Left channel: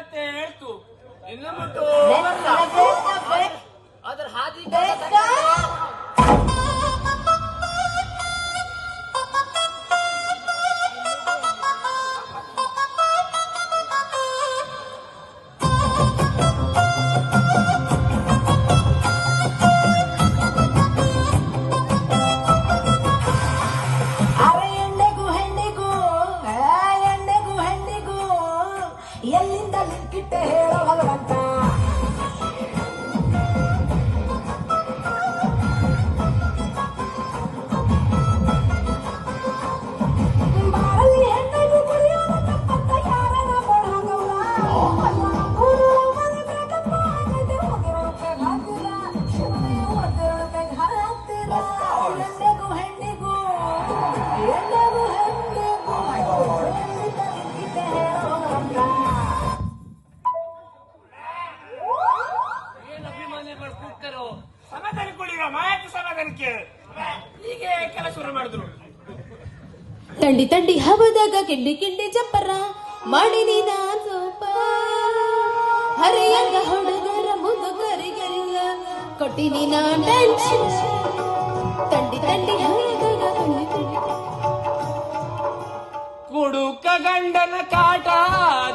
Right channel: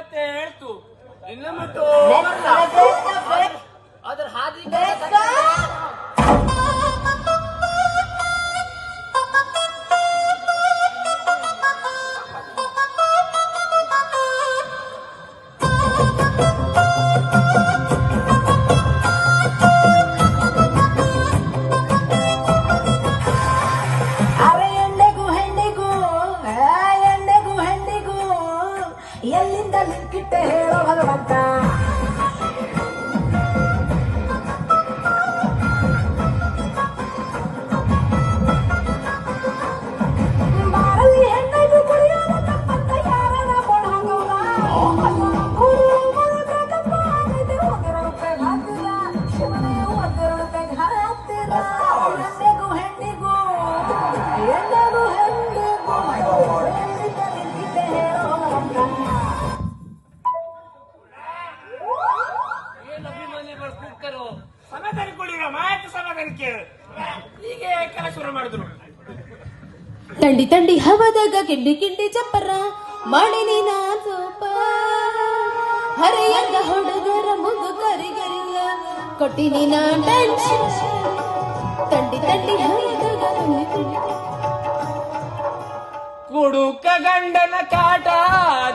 ಇವತ್ತೇ ಹೇಳ್ತು ಇನ್ನು ಮುಟ್ಟು ಅದ್ರ ಹಾದಿ ಎಲ್ಲಿಂದ ನಿಂತಿಟ್ಟೆ ಹೇಳೋ ಭಗವಂತ. ಬಾರಲ್ಲಿ ಹೆಣ್ಣು ಕುಡಿಯೋಣ ತಪ್ಪಂತ ಯಾರನ್ನ ಕೊಡೋಣ ಶಿವನೇ ಒದರತೆ ಹತ್ತಿರ ಹೆಣ್ಣಿಗೂ ಹೆಣ್ಣಿಗೂ ಹೆಣ್ಣಿಗೂ ಹೆಣ್ಣಿಗೂ ಎಲ್ಲಿಂದ ನಿಂತಿಟ್ಟೆ ಹೇಳೋ ಭಗವಂತ. ಸಮಾಧಾನ ಕೊಡಿರೋ ಮಾತು ಸಮಾಧಾನಕ್ಕೆ ಹೀಗೆ ಕೆಲಸ ಶುರು ಮಾಡಿದ್ರು. ತಂಡಿ ತಂಡಿ ಹವದಾಗ ಕಿಂಡಿ ಕಿಂಡಿ ಚಪ್ಪರ ಮಾಡಿ ನೀನ ಸೋಪ ಹರಿಯಂಗ ಹುಡುಗರ ಮುದುಗರಿಗೆಲ್ಲ ಕೊಟ್ಟಿ ನೀನ ಟೆನ್ಷನ್. ತಂಡಿ ತಂಡಿ ಹವದಾಗ ಕಿಂಡಿ ಕಿಂಡಿ ಕುಡುಕ ಗಂಡನ ಕಾಟ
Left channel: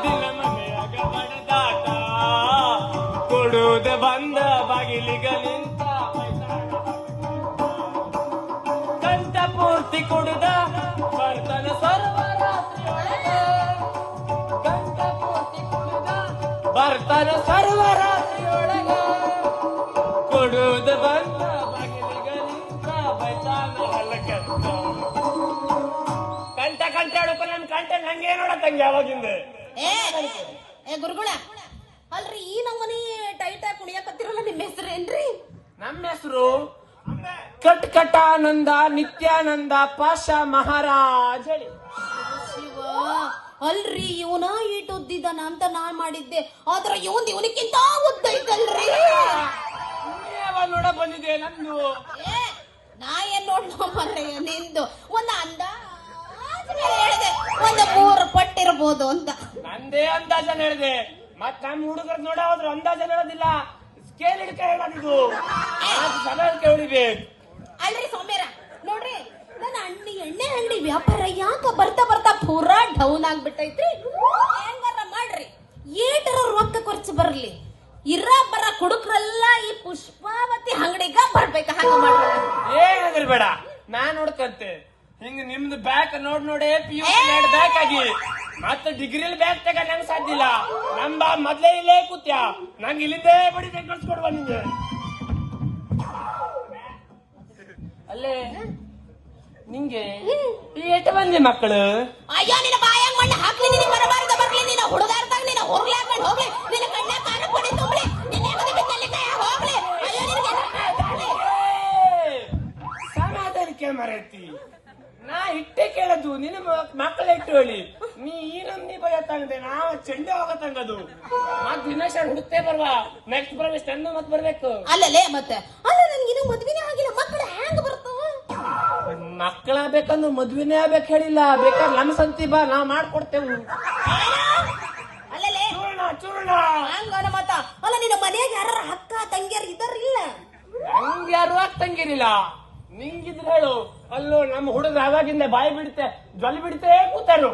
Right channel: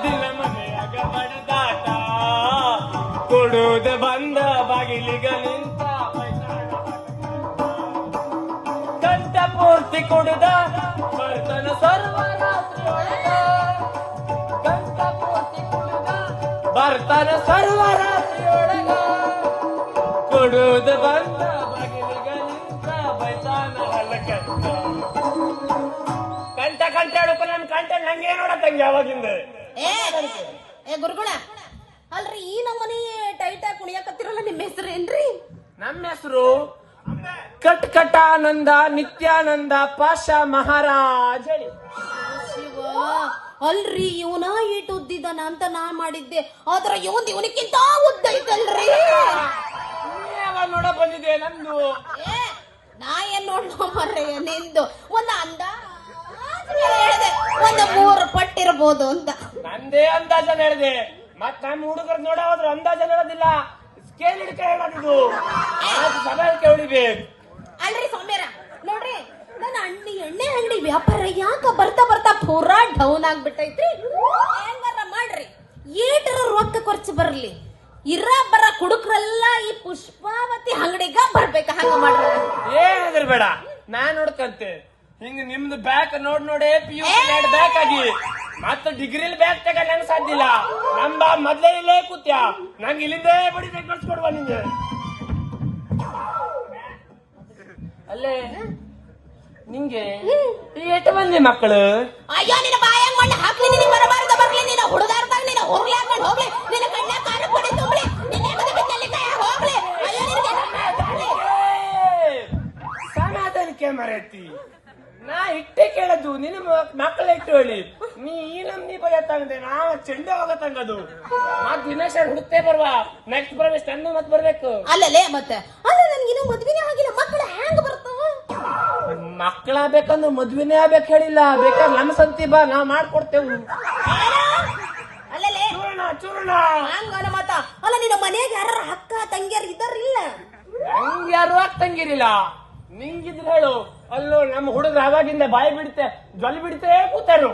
ದಿನ ಮನೆಯಾಗ ಬಡದಾಟ ಕೊಡುದ ಬಂದ ಬಾಗಿಲಿಗ ನಿಂತ ಕಂಠ ಪೂರ್ತಿ ಕುಡಿದ ಬರ್ತನ ಸರ್ವರಾತ್ರಿ ಕಂಠ ಪೂರ್ತಿ ಕುಡಿದ ಬರ್ತನ ಸರ್ವರಾತ್ರಿಯೊಳಗ ಕೊಡುದ ಬಂದ ಬಾಗಿಲಿಗ ನಿಂತ ಬೈತಾನ ಹಲಕತ್ತ ಕಂಠ ಕಂಠಾಡುತ್ತ ನನ್ ಕಂಠ ನಂಗೆ ನೋಡತ್ತಂಗೆ ಯಾವಾಗಿಂದ ಏ ಗುರುಗಳ ಅಲ್ರಿ ಈ ನಮ್ಮನೆ ಟೈಟ್ ಆಗಿ ಕುಣಿಯಕತ್ತಿರಲ್ಲ ನಿಮ್ಮ ಹೆಸರು ಏನ್ರಿ? ನಮ್ಮ ಹೆಸರು ಕಟ್ ಕಟಾನಂದ ನಿತ್ಯಾನಂದ ಪಾಷ ಮಹಾರಾಜ್ ಹೇಳಿ. ಶಿವ ಅಲ್ರಿ ಇವನ ಈಟ್ ಉದ್ದಿದ್ದಾನ ಅಂತ ನಾ ಮಾಡಿದ್ದೆ ಆದ್ರ ಇವನಿಕ್ಕಿಂತ ಉದ್ದ ಐತಲ್ರಿ. ಯಾವಾಗ ನೋಡ ಬಂದಿದೆ ನಂದು ಏ ನಾ ಏನ್ ನೋಡ್ಕೊಂಬರ್ರಿ ನಿಂದು ಒಂದ್ ಅಂದ ಹೇಳಿದೆ ಒಂದು 3 ಪಟ್ಟಿರ್ಬೋದು ಅಂತ. ನಂದೇ ಅಂದಾಜ ಹೇಳಿದೆ ಮತ್ ನಮ್ಮ ಹುಡುಗರು ನೋಡ ಹೋದ್ರು ಅಂದಾಜ ಹೇಳೋದಿಲ್ಲ ಸ್ಕೇಲ್ ಹಿಡ್ಕ ಹೇಳೋದು ಸಮಯಕ್ಕೆ ಉಳಿಬೇಕು. ಅಲ್ರಿ ಸೌಮ್ಯರ ನೋಡ್ರಿ ನನ್ನ ಎಣ್ಣೆ ಅಂಗಡಿ ವ್ಯಾಪಾರ ಯಾಕ ಬರ್ತಾ ಬರ್ತಾ ಪೂರಾ ಡೌನ್ ಆಗ್ಬಿಟ್ಟೈತ್ರಿ. ಹೆಂಗಾರ ಮಾಡ್ರಿ ಏಟರ ರೊಕ್ಕ ಖರ್ಚು ಬರ್ಲಿ ಇರ ಬರ ಕುಡುಕ್ರೆಲ್ಲ ಈ ಪುಷ್ಪಾವತಿ ಅಂಗಡಿಗ ಬರ್ಬೇಕ ಹಂಗ ಮಾಡ್ರಿ. ಏನಾದ್ರೂ ಬೇಡ ನಾನ್ ನೋಡ್ಕಂತೆ ಹಿಂಗ ನಿಮ್ದು ಬ್ಯಾಕ್ ನೋಡೇ PU ಬ್ಯಾಕ್ ಆಗಿ ಮತ್ತೆ ಡಿಗ್ರಿಲಿ ಬ್ಯಾಕ್ ತಗ ನಂಗೆ ಸಾಧ್ಯ ಇಲ್ಲ. ನಮ್ ಮೊದ್ಲೇ ಇಲ್ಲೇ ಕೂತ್ಯಾ ನಂಗೆ ಇಲ್ಲಿಂದೇ ಬಡಿ ಕಳ್ಸಿಕೊಡುವ ನಿಂಗೆ. ಅಲ್ಲೇ ನಿಂಗೆ ಎಷ್ಟು ಮಂದಿ ಮಕ್ಕಳು? ಅಯ್ಯೋ ನಿನ್ನ ಬಾಯಂಗ್ ಮಣ್ಣು ಹಾಕ್ಲಿ ನಿನಗೆ ಬರಬಾರ್ದ ಬರ್ಲಿ ನೀನ ಹುಡುಗಾರ್ದಾಗ ನೀನ ಹೋಗ್ಲಿ ಹಾಕೊಂಡು ಹೋಗ್ಲಿ ನಿನ್ನ ಕಣ್ಣ ಕಾರು ಪಡಿ ತುಂಬಲಿ ನಿನ್ನ ಬಿತ್ತಲ್ಲಿ ಕೈ ಹೋಗ್ಲಿ. ಅಯ್ಯೋ ನಿನಗೆ ಸಮಾಧಾನಕ್ಕೆ ಮರೈತಿ ನಾ ಇಟ್ಟೆ ಕೇಳದು ನಿನ್ನ ಮಕ್ಕಳ ಇಟ್ಟೋಳಿ ನೀ ಈ ನಮ್ನಿ ಭಯ ತಂದೆ ನಾವ್ ಚೆಂಡೆ ಹೋಗ ತಂಗದು ಮತ್ ದಿನೇಶ ಹುಡುಕ್ತೇ ಬರ್ವಾ ನೆಕ್ಸ್ಟ್ ಪ್ರವೇಶ ತಂದು ಮತ್ ಬರ್ಬೇಕು. ಅಲ್ಲಲೇ ಮತ್ತೆ ಅಲ್ಲ ನನ್ಗಿನ್ನೂ ಮದ್ವಿನೇ ಆಗಿಲ್ಲ ಮಕ್ಕಳು ಹ್ಯಾಂಗ ಬರ್ತಾವ? ಮಕ್ಕಳಾಗ್ಬೇಕಂದ್ರೆ ಮದ್ವಿನೇ ಆಗ್ಬೇಕು ಹೇಳಿಲ್ಲ ಬೇಕಾದ್ರೆ ನಮ್ ಸಂತಿ ಬಾ ನಾ ಮಾಡ್ಕೊಡ್ತೇವು. ಅಲ್ಲಲೇ ಚೂರ್ಣ ಚೂರ್ಣ ಹಂಗ ಮತ್ತ ಅಲ್ಲ ನಿನ್ನ ಮನೆಯಾಗ ಯಾರ ಅಕ್ಕ ತಂಗಿಯರ್ ಇದ್ದಾರಿಲ್ಲ? ನಂಗೆ ಯಾರು ಆಗ್ತಂಗಿರಿಲ್ಲ ನಿಂಗಿದ್ರೆ ಹೇಳು. ಅಲ್ಲೋ ನಮ್ಮ ಹುಡುಗ ಅವಾಗಿಂದ ಬಾಯಿ ಬಿಡುತ್ತೆ ಜ್ವಲಿ ಬಿಡುತ್ತೆ ಕೂತಾರು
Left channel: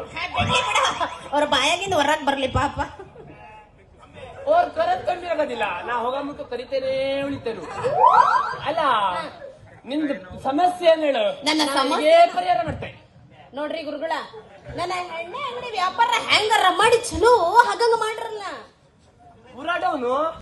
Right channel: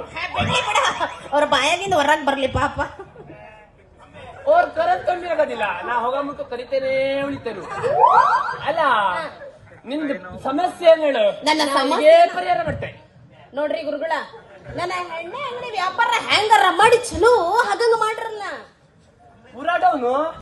ಅವ್ರ ಬಾಯಾಗಿಂದ ಹೊರಗ್ ಬರ್ಲಿ ಪಾಪ. ಅವ್ರ ಕರೆದ್ ಕಮ್ಮಿ ಆಗೋದಿಲ್ಲ ನಾ ಹೋಗಮುಟ್ಟು ಕರಿತೇನೆ ಉಳಿತೇನು. ಅಲ್ಲ ನಿಂದು ಸಮಸ್ಯೆ ಏನ್ ಹೇಳು ನನ್ನ ಸಮಸ್ಯೆ ಪರಿಹಾರ ಮಾಡ್ತೆ ನೋಡ್ರಿ ಗುರುಗಳ ನನ್ನ ಎಣ್ಣೆ ಅಂಗಡಿ ವ್ಯಾಪಾರ ಹ್ಯಾಂಗಾರ ಮಾಡಿ ಚಲೋ ಹಾಗಂಗ ಮಾಡ್ರಲ್ಲ ಪೂರಾ ಡೌನು